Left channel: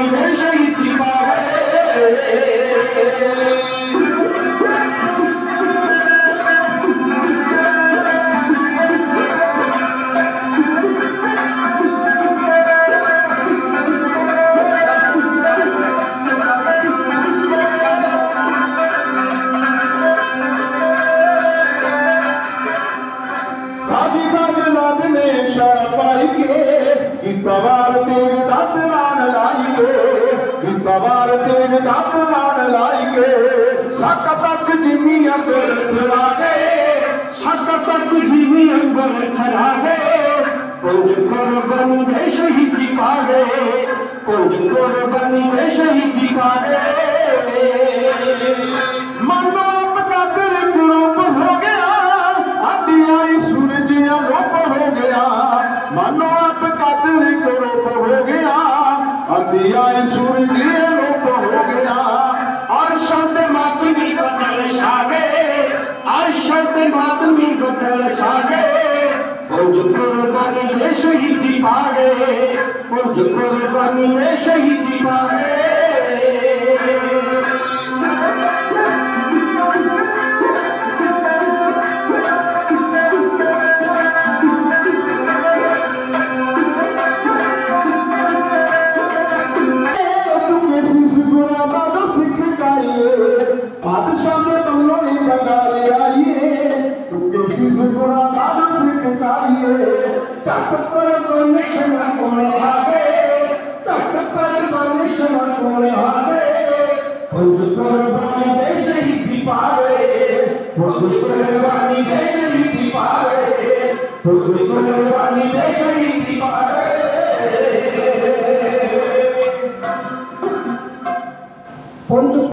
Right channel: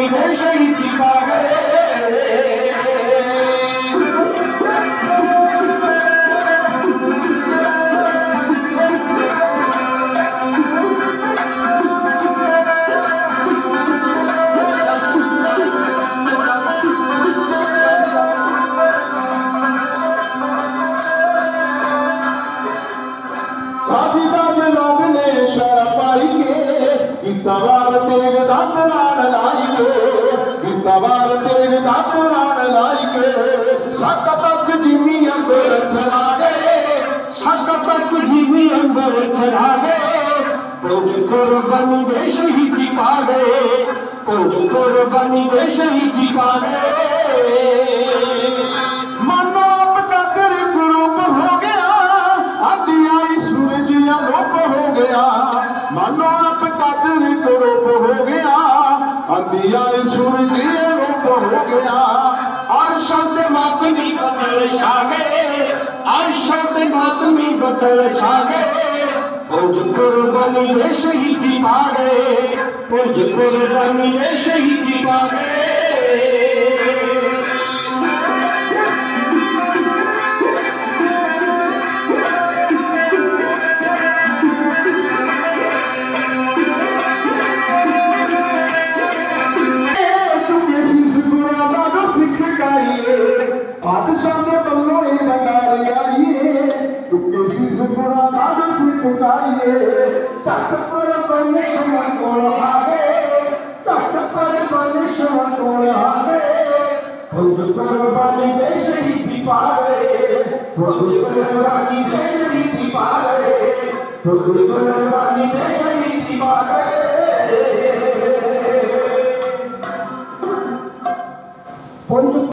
कुर्बानी दे शहीदी पा गए। गीतवार तेग दत नान लाइके, गीतवार तेग दत नान लाइके, सक तक जिमी अंबर थरा गए, सक तक जिमी अंबर थरा गए। कुछ कुर्बानी दे शहीदी पा गए, कुछ कुर्बानी दे शहीदी पा गए। मानो अब कदर कुरूप हो गया, अंधियारी सूरज आलोप हो गया। मानो अब कदर कुरूप हो गया, अंधियारी सूरज आलोप हो गया। अर्शद मातमी बदल छा गए, अर्शद मातमी बदल छा गए। कुछ कुर्बानी दे शहीदी पा गए, कुछ कुर्बानी दे शहीदी पा गए। तट पर परमेश्वर कोल आगे, तट पर परमेश्वर कोल आगे। कुछ कुर्बानी दे शहीदी पा गए, कुछ कुर्बानी दे शहीदी पा गए, कुछ कुर्बानी दे शहीदी पा गए।